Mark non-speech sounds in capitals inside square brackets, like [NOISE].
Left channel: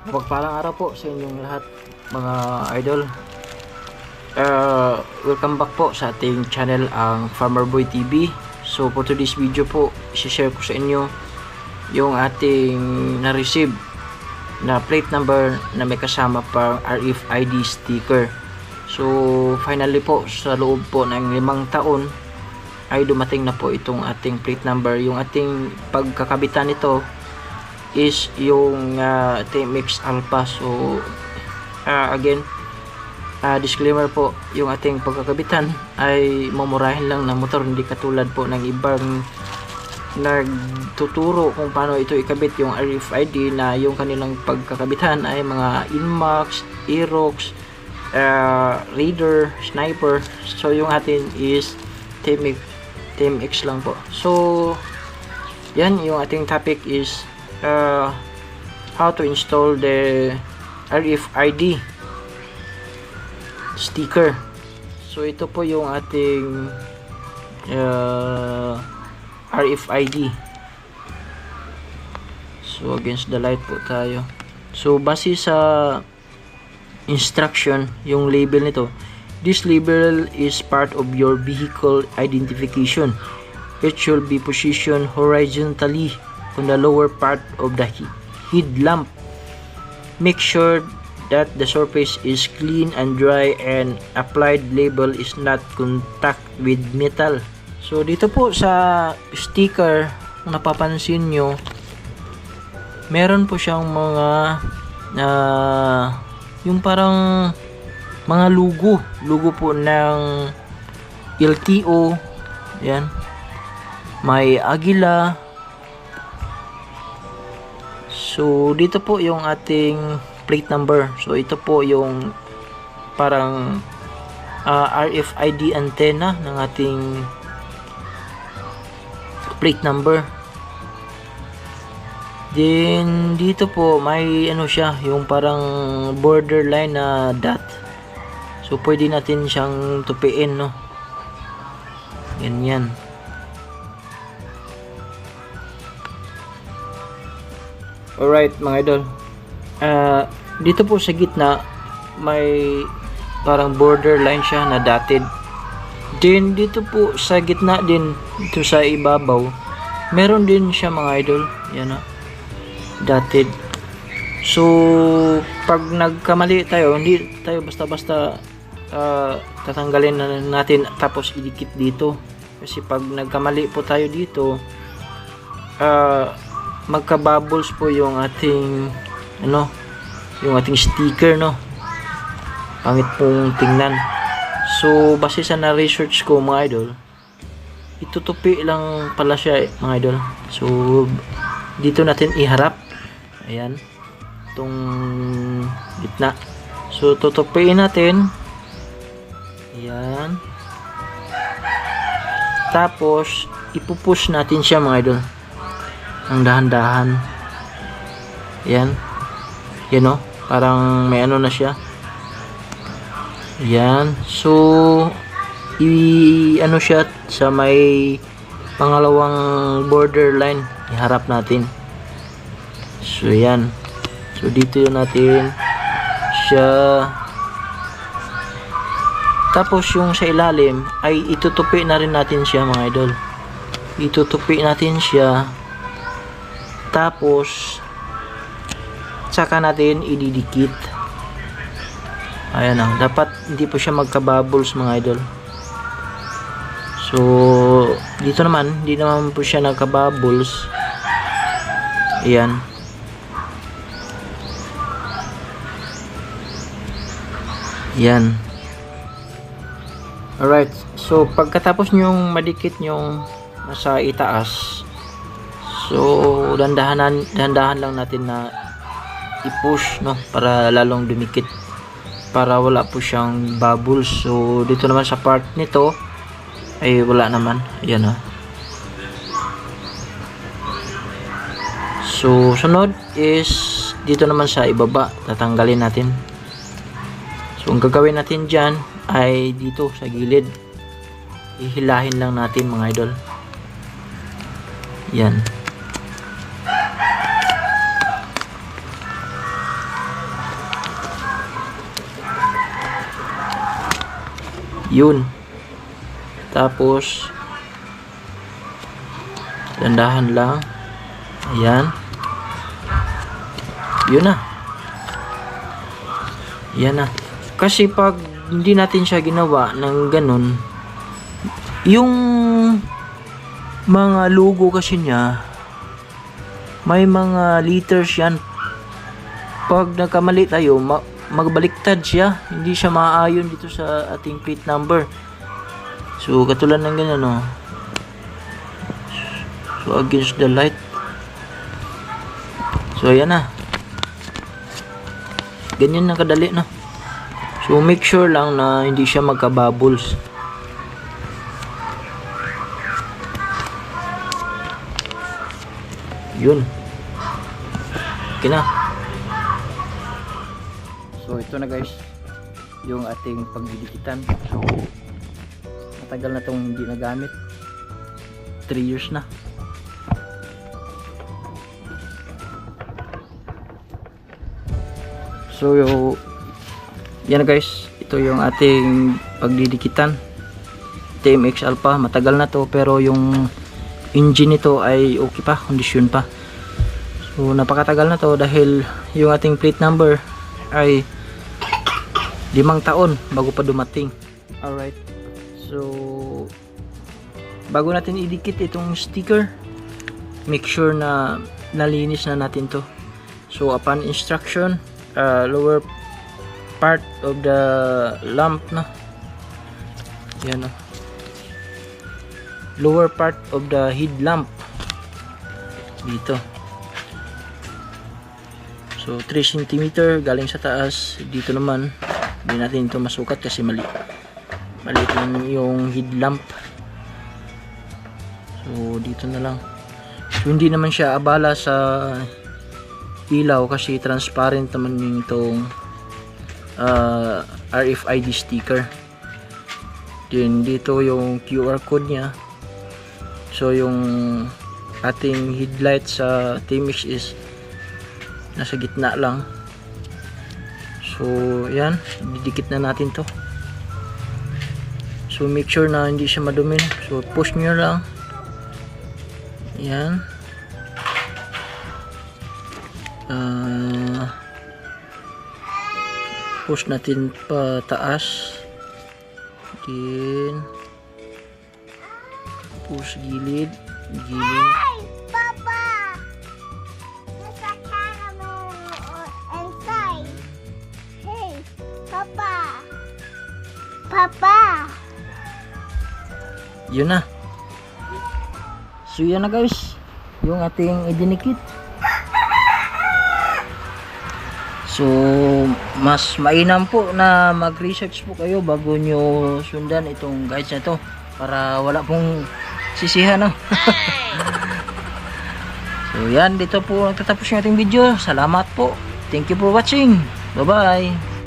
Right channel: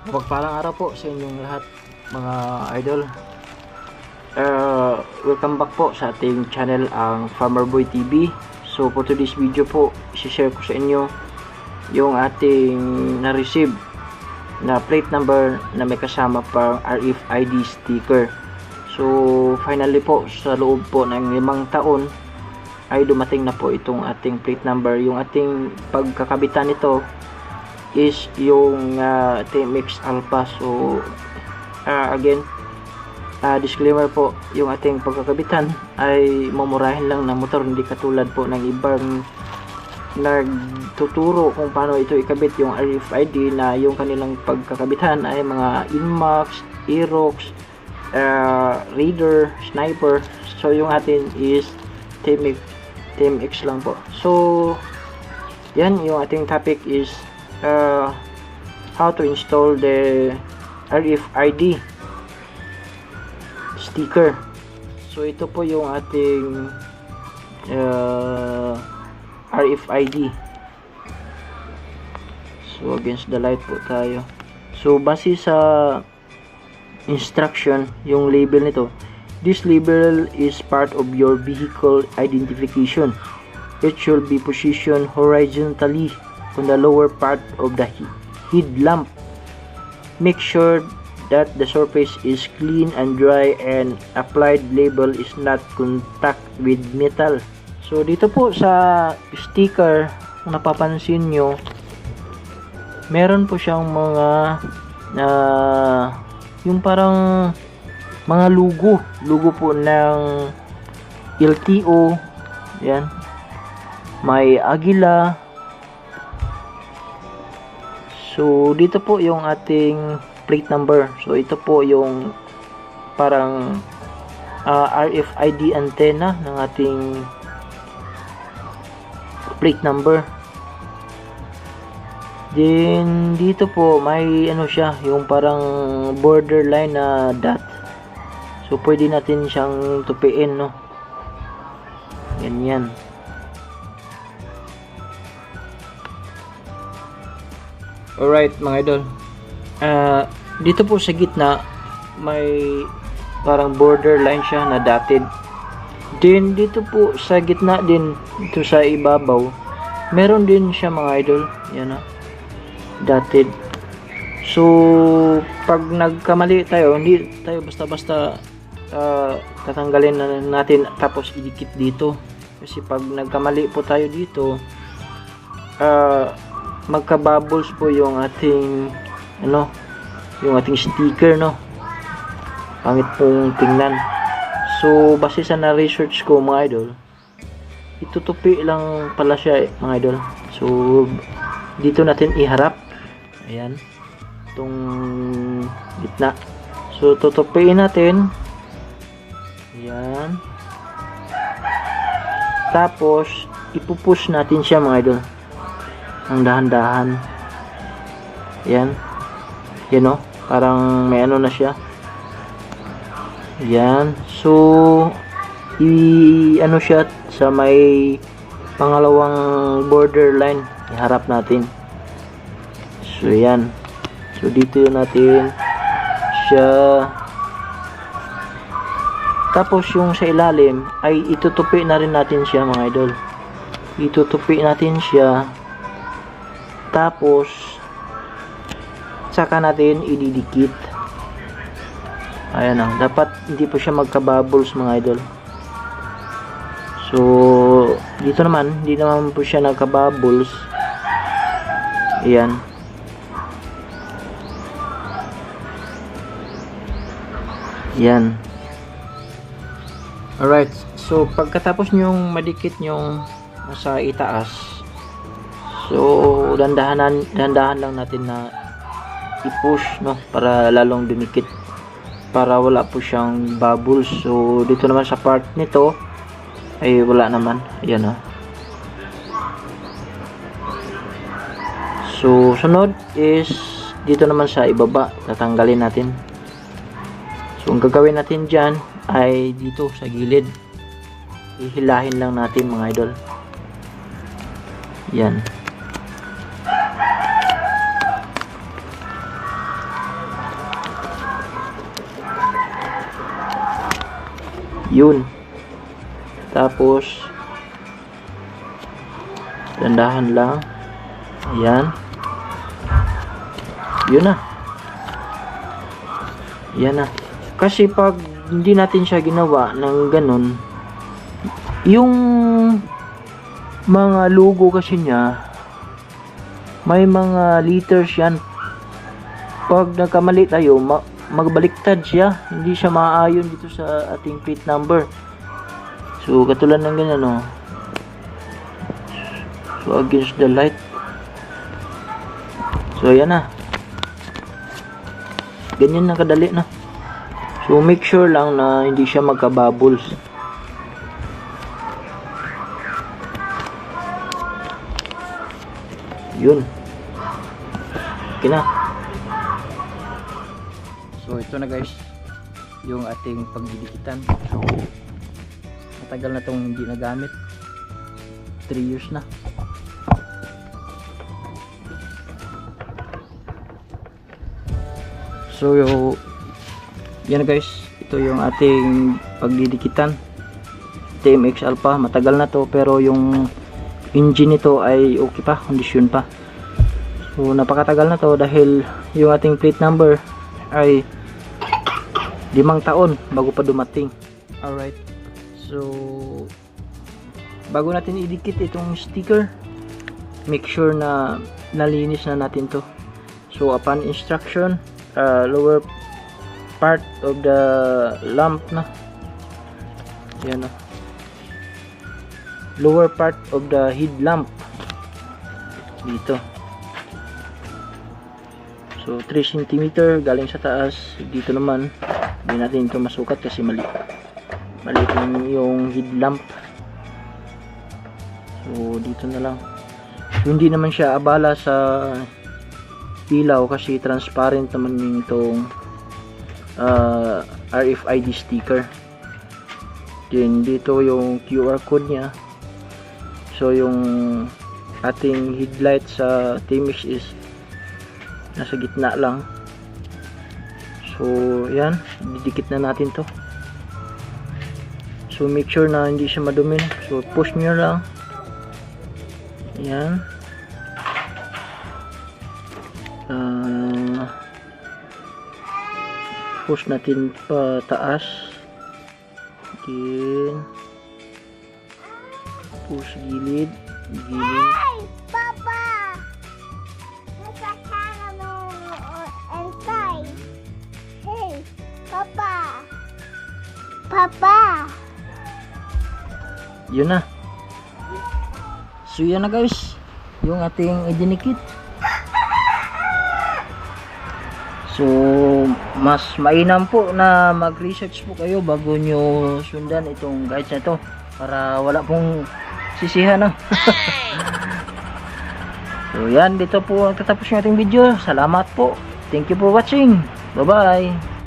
Mapagpalang araw po sa inyong lahat mga idol. Uh, welcome back po sa ating channel ang Farmer Boy TV. So for today's video po, share ko sa inyo yung ating na-receive na plate number na may kasama pang RFID sticker. So finally po sa loob po ng limang taon ay dumating na po itong ating plate number. Yung ating pagkakabitan nito is yung uh, TMX Alpha. So, uh, again, uh, disclaimer po, yung ating pagkakabitan ay mamurahin lang ng motor, hindi katulad po ng ibang nagtuturo kung paano ito ikabit yung RFID na yung kanilang pagkakabitan ay mga Inmax, Aerox, uh, Raider, Sniper. So, yung atin is TMX, TMX lang po. So, yan, yung ating topic is uh, how to install the RFID sticker. So ito po yung ating uh, RFID. So against the light po tayo. So base sa instruction, yung label nito, this label is part of your vehicle identification. It should be positioned horizontally on the lower part of the headlamp. Make sure that the surface is clean and dry and applied label is not contact with metal. So dito po sa sticker, kung napapansin nyo, meron po siyang mga uh, yung parang mga lugo. Lugo po ng LTO. Yan. May agila, So, dito po yung ating plate number. So, ito po yung parang uh, RFID antenna ng ating plate number. Then, dito po may ano siya, yung parang borderline na dot. So, pwede natin siyang tupiin, no? Ganyan. Alright mga idol. Uh, dito po sa gitna may parang borderline siya na dotted. Then dito po sa gitna din dito sa ibabaw meron din siya mga idol. Yan ha. Dotted. So pag nagkamali tayo hindi tayo basta-basta uh, tatanggalin na natin tapos idikit dito. Kasi pag nagkamali po tayo dito uh, magka-bubbles po yung ating ano, yung ating sticker no. Pangit pong tingnan. So, base sa na-research ko mga idol, itutupi lang pala siya eh, mga idol. So, dito natin iharap. Ayan. Itong gitna. So, tutupiin natin. Ayan. Tapos, ipupush natin siya mga idol ang dahan-dahan. Yan. Yan o parang may ano na siya. Yan. So i ano siya sa may pangalawang borderline. Iharap natin. So yan. So dito natin siya. Tapos yung sa ilalim ay itutupi na rin natin siya mga idol. Itutupi natin siya tapos, saka natin ididikit. Ayan o. Dapat hindi po siya magka-bubbles mga idol. So, dito naman, hindi naman po siya nagka-bubbles. Ayan. Ayan. Alright. So, pagkatapos nyong madikit nyong nasa itaas, So, dandahanan, dandahan lang natin na i-push, no? Para lalong dumikit. Para wala po siyang bubbles. So, dito naman sa part nito, ay wala naman. Ayan, oh. So, sunod is dito naman sa ibaba. Tatanggalin natin. So, ang gagawin natin dyan ay dito sa gilid. Ihilahin lang natin mga idol. Yan. Yun. Tapos, dandahan lang. Ayan. Yun na. Yan na. Kasi pag hindi natin siya ginawa ng ganun, yung mga logo kasi niya, may mga liters yan. Pag nagkamali tayo, magbaliktad siya. Hindi siya maaayon dito sa ating plate number. So, katulad ng ganyan, no. So, against the light. So, ayan na. Ganyan na kadali na. So, make sure lang na hindi siya magka-bubbles. Yun. Okay na. Ito na guys. Yung ating pagdidikitan. Matagal na itong hindi nagamit. 3 years na. So, yan guys. Ito yung ating pagdidikitan. TMX Alpha. Matagal na to pero yung engine nito ay okay pa. Kondisyon pa. So, napakatagal na to dahil yung ating plate number ay limang taon bago pa dumating. Alright. So, bago natin idikit itong sticker, make sure na nalinis na natin to. So, upon instruction, uh, lower part of the lamp na. Yan na. Lower part of the headlamp. Dito. So 3 cm galing sa taas. Dito naman hindi natin ito masukat kasi mali. Mali yung headlamp. So dito na lang. So, hindi naman siya abala sa ilaw kasi transparent naman yung itong uh, RFID sticker. Then dito yung QR code niya. So yung ating headlight sa Timis is nasa gitna lang. So yan, didikit na natin to. So make sure na hindi siya madumi. So push nyo lang. Yan. Ah, push natin pa taas. Then push gilid, gilid. Papa! Papa! Yun na. So na guys. Yung ating idinikit. So mas mainam po na mag-research po kayo bago nyo sundan itong guides na to para wala pong sisihan no? [LAUGHS] so yan dito po nagtatapos yung ating video salamat po thank you for watching bye bye